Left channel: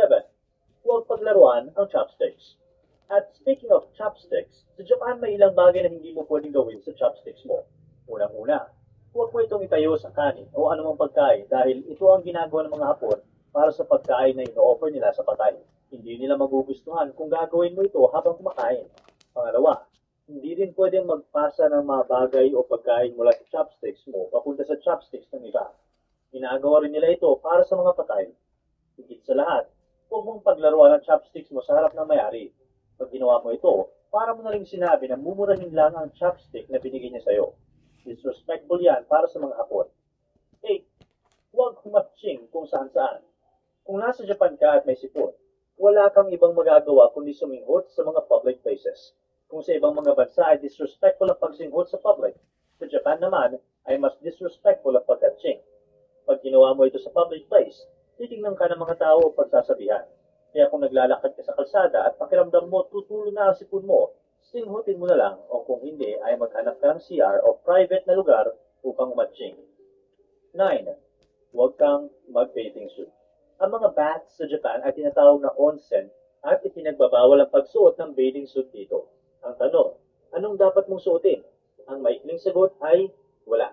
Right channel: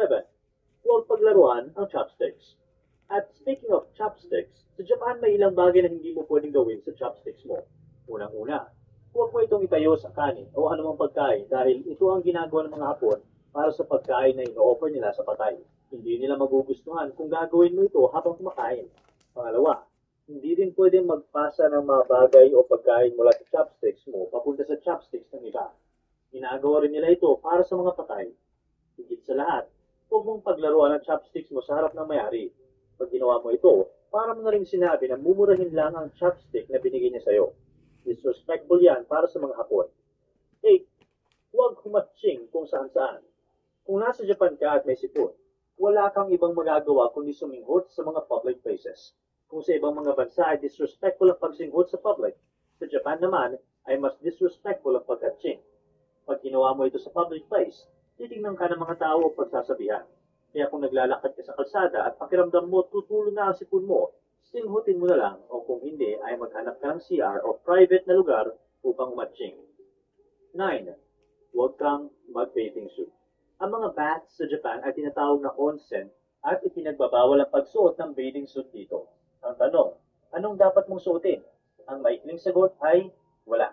7. Huwag paglaruan ang chopsticks. At speaking of chopsticks, sa Japan may ilang bagay na hindi mo pwedeng gawin sa chopsticks mo. Unang-una, huwag mo itong itayo sa kanin o anumang pagkain dahil ito ang ginagawa ng mga Hapon para sa pagkain na ino-offer nila sa patay. Hindi nila magugustuhan kung gagawin mo ito habang kumakain. Pangalawa, hindi rin pwedeng magpasa ng mga bagay o pagkain mula sa chopsticks mo papunta sa chopsticks ng iba. Ginagawa rin nila ito para sa mga patay. Higit sa lahat, huwag mong paglaruan ang chopsticks mo sa harap ng may-ari. Pag ginawa mo ito, para mo na rin sinabi na mumurahin lang ang chopstick na binigay niya sa'yo. Disrespectful yan para sa mga Hapon. 8. Huwag humatching kung saan-saan. Kung nasa Japan ka at may sipon, wala kang ibang magagawa kundi suminghot sa mga public places. Kung sa ibang mga bansa ay disrespectful ang pagsinghot sa public, sa Japan naman ay mas disrespectful ang paghatching. Pag ginawa mo ito sa public place, titignan ka ng mga tao o pagsasabihan. Kaya kung naglalakad ka sa kalsada at pakiramdam mo tutulo na ang sipon mo, singhutin mo na lang o kung hindi ay maghanap ka ng CR o private na lugar upang matching. 9. Huwag kang mag-bathing suit. Ang mga baths sa Japan ay tinatawag na onsen at ipinagbabawal ang pagsuot ng bathing suit dito. Ang tanong, anong dapat mong suotin? Ang maikling sagot ay wala.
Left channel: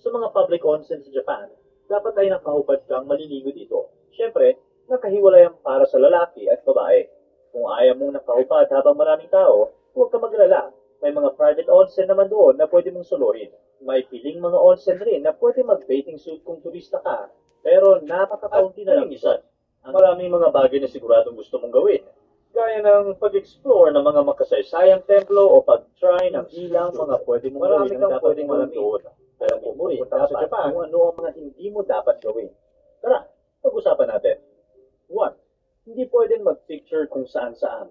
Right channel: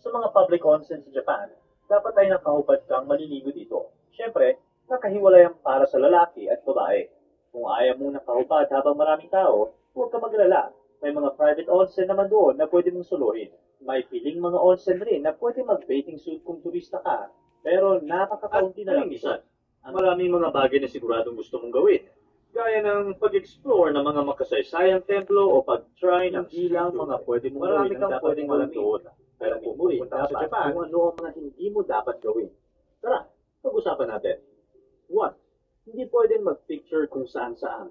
Sa mga public onsen sa Japan, dapat ay nakahubad kang maliligo dito. Siyempre, nakahiwalay ang para sa lalaki at babae. Kung ayaw mong nakahubad habang maraming tao, huwag ka maglala. May mga private onsen naman doon na pwede mong suluhin. May piling mga onsen rin na pwede mag-bathing suit kung turista ka, pero napaka-kaunti na lang isa. Maraming mga bagay na siguradong gusto mong gawin. Gaya ng pag-explore ng mga makasaysayang templo o pag-try ng ilang mga pwede mong gawin na dapat mong alam doon. Alam mo rin dapat sa Japan kung ano ang mga hindi mo dapat gawin. Tara, pag-usapan natin. 1. Hindi pwedeng mag-picture kung saan-saan.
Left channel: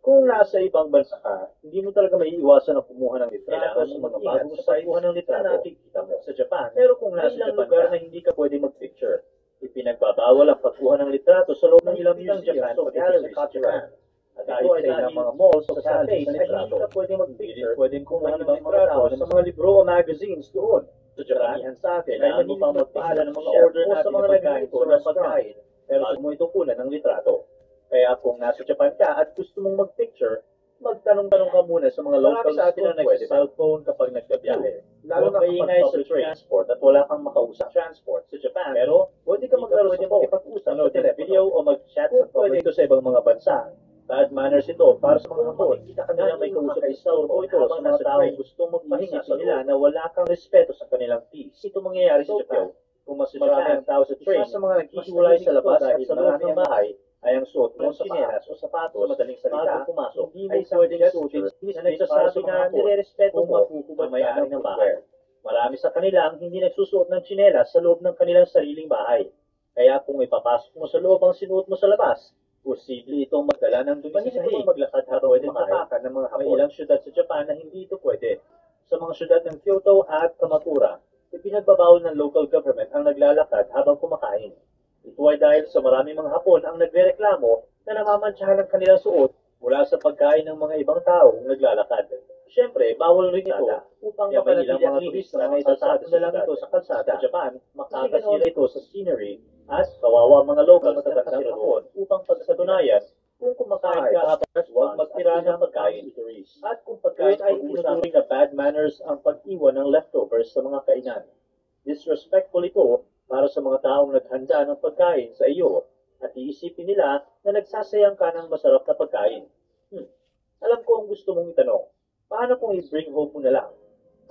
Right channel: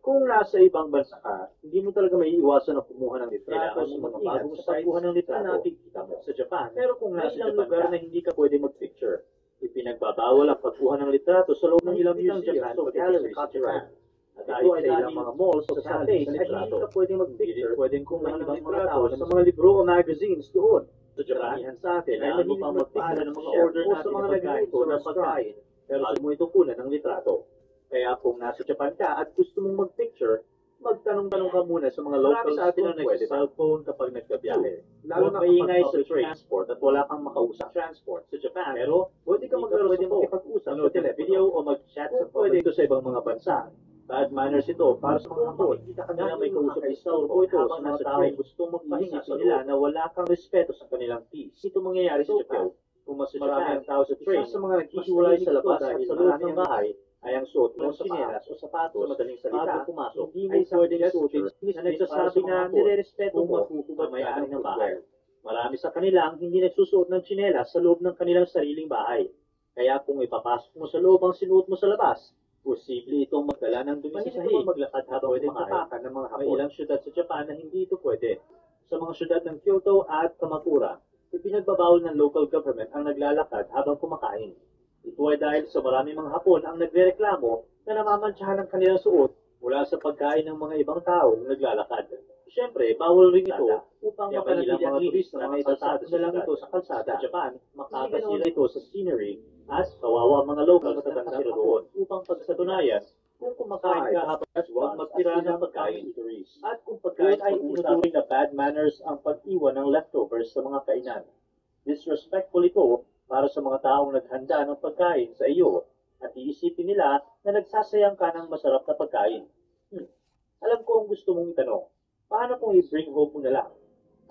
Kung nasa ibang bansa ka, hindi mo talaga may iwasan na kumuha ng litrato sa mga bagong sites ng litrato na nakikita mo sa Japan. Pero kung nasa Japan lugar na hindi ka pwede mag-picture, ipinagbabawal ang pagkuha ng litrato sa loob ng ilang museum o galleries sa Japan. At ito ay dahil mga malls sa cafe ay hindi ka pwede mag-picture, pwedeng kumuha ng ibang mga tao sa mga libro o magazines doon. Sa Japan, sa atin ay mahilig magpaalam ng mga order natin sa mga nagagaito ng pagkain, pero gusto mo ito kunan ng litrato. Kaya kung nasa Japan ka at gusto mong mag-picture, magtanong-tanong ka muna sa mga local sa atin na nag-cellphone kapag nagkabiyahe. Lalo na maingay sa transport at wala kang makausap transport sa Japan. Pero pwede ka maglaro sa makipag-usap sa televideo o mag-chat sa pwede ito sa ibang mga bansa. Bad manners ito para sa mga Hapon. Kita ka nila may kausap ay cellphone ito sa mga tao gustong magpahinga sa nila na wala kang respeto sa kanilang peace. Ito mangyayari sa Japan. Kung mas marami ang tao sa train, sa mga naghihiwalay sa labas at sa loob ng bahay, ay ang suot ng tsinelas o sapatos madaling salita pumasok ay pwedeng suotin na nagsasabi na nire-respeto mo ang may-ari ng bahay. Marami sa kanila ang hindi nagsusuot ng tsinelas sa loob ng kanilang sariling bahay. Kaya kung ipapasok mo sa loob ang sinuot mo sa labas, posible itong magdala ng dumi sa sahig, maglakad habang pwedeng tapakan ng mga Hapon. May ilang syudad sa Japan na hindi ito pwede. Sa mga syudad ng Kyoto at Kamakura, ipinagbabawal ng local government ang naglalakad habang kumakain. Ito ay dahil sa maraming mga Hapon ang nagrereklamo na namamantsahan ang kanilang suot mula sa pagkain ng mga ibang taong naglalakad. Siyempre, bawal rin ito upang mapanatili ang turista na itatapos na lang ito sa kalsada. Sa Japan, makakasira ito sa scenery at kawawa mga local na tagatang Hapon upang pagsatunayan kung kumakain ka at huwag magtira ng pagkain. At kung pagkain ay tinuturing na bad manners ang pag-iwan ng leftovers sa mga kainan. Disrespectful ito para sa mga taong naghanda ng pagkain sa iyo at iisipin nila na nagsasayang ka ng masarap na pagkain. Alam ko ang gusto mong itanong, paano kung i-bring home mo na lang?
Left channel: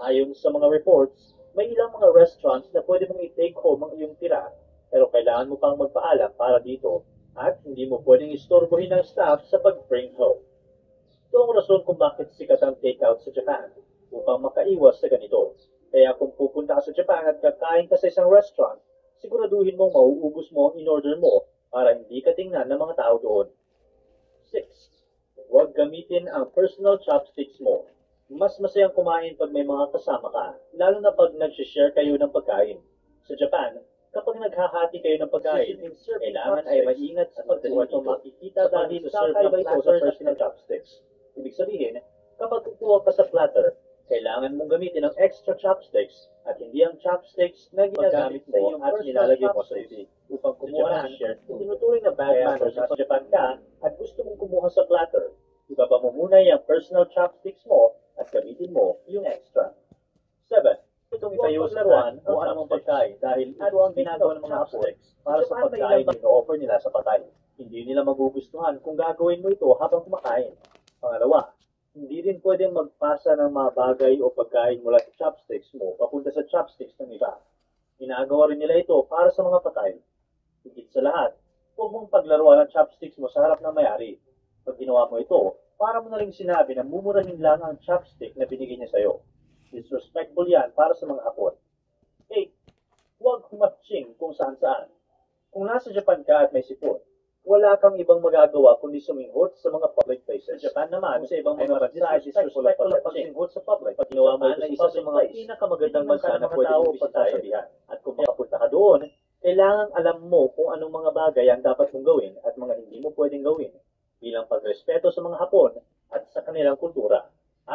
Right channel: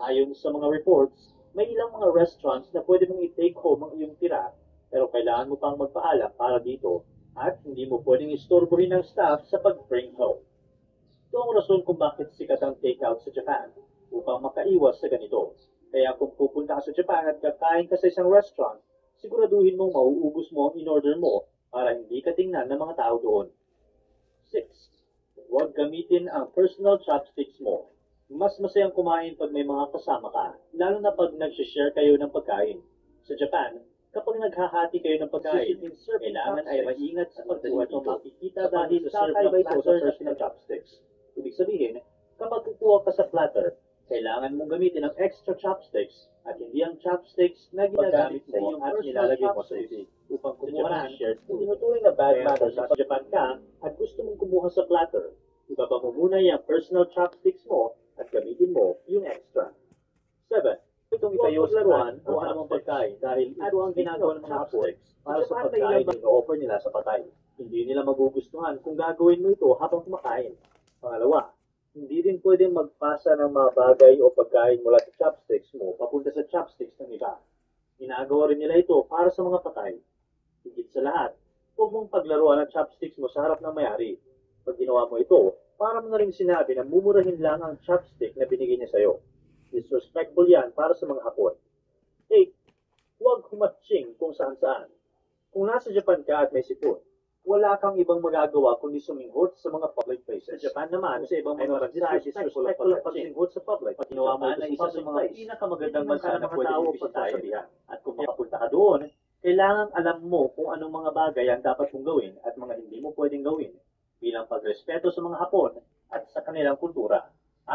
Ayon sa mga reports, may ilang mga restaurants na pwede mong i-take home ang iyong tira, pero kailangan mo pang magpaalam para dito at hindi mo pwedeng istorbohin ng staff sa pag-bring home. Ito ang rason kung bakit sikat ang take-out sa Japan upang makaiwas sa ganito. Kaya kung pupunta ka sa Japan at kakain ka sa isang restaurant, siguraduhin mong mauubos mo ang in-order mo para hindi ka tingnan ng mga tao doon. 6. Huwag gamitin ang personal chopsticks mo. Mas masayang kumain pag may mga kasama ka, lalo na pag nag-share kayo ng pagkain. Sa Japan, kapag naghahati kayo ng pagkain, kailangan ay maingat sa pagkuha dito. Makikita dahil sa serve ng platter sa personal chopsticks. Ibig sabihin, kapag kukuha ka sa platter, Kailangan mong gamitin ang extra chopsticks at hindi ang chopsticks na ginagamit mo at nilalagay mo sa isip. Upang kumuha ng shirt, tinuturing na bad manners sa Japan ka at gusto mong kumuha sa platter. Ibaba mo muna yung personal chopsticks mo at gamitin mo yung extra. 7. Itong itayo sa laruan ang anumang pagkain dahil ito ang ginagawa ng mga chopsticks para sa pagkain na ino-offer nila sa patay. Hindi nila magugustuhan kung gagawin mo ito habang kumakain. Pangalawa, hindi rin pwedeng magpasa ng mga bagay o pagkain mula sa chopsticks mo papunta sa chopsticks ng iba. Ginagawa rin nila ito para sa mga patay. Higit sa lahat, huwag mong paglaruan ang chopsticks mo sa harap ng may-ari. Pag ginawa mo ito, para mo na rin sinabi na mumurahin lang ang chopstick na binigay niya sa'yo. Disrespectful yan para sa mga Hapon. 8. Huwag humatching kung saan-saan. Kung nasa Japan ka at may sipon, wala kang ibang magagawa kundi suminghot sa mga public places. Sa Japan naman, sa ibang mga bansa, disrespectful ang pagsinghot sa public. Pag ginawa mo ito sa isa sa mga pinakamagandang bansa na pwede mong bisitahin. At kung makapunta ka doon, kailangan alam mo kung anong mga bagay ang dapat mong gawin at mga hindi mo pwedeng gawin bilang pagrespeto sa mga Hapon at sa kanilang kultura.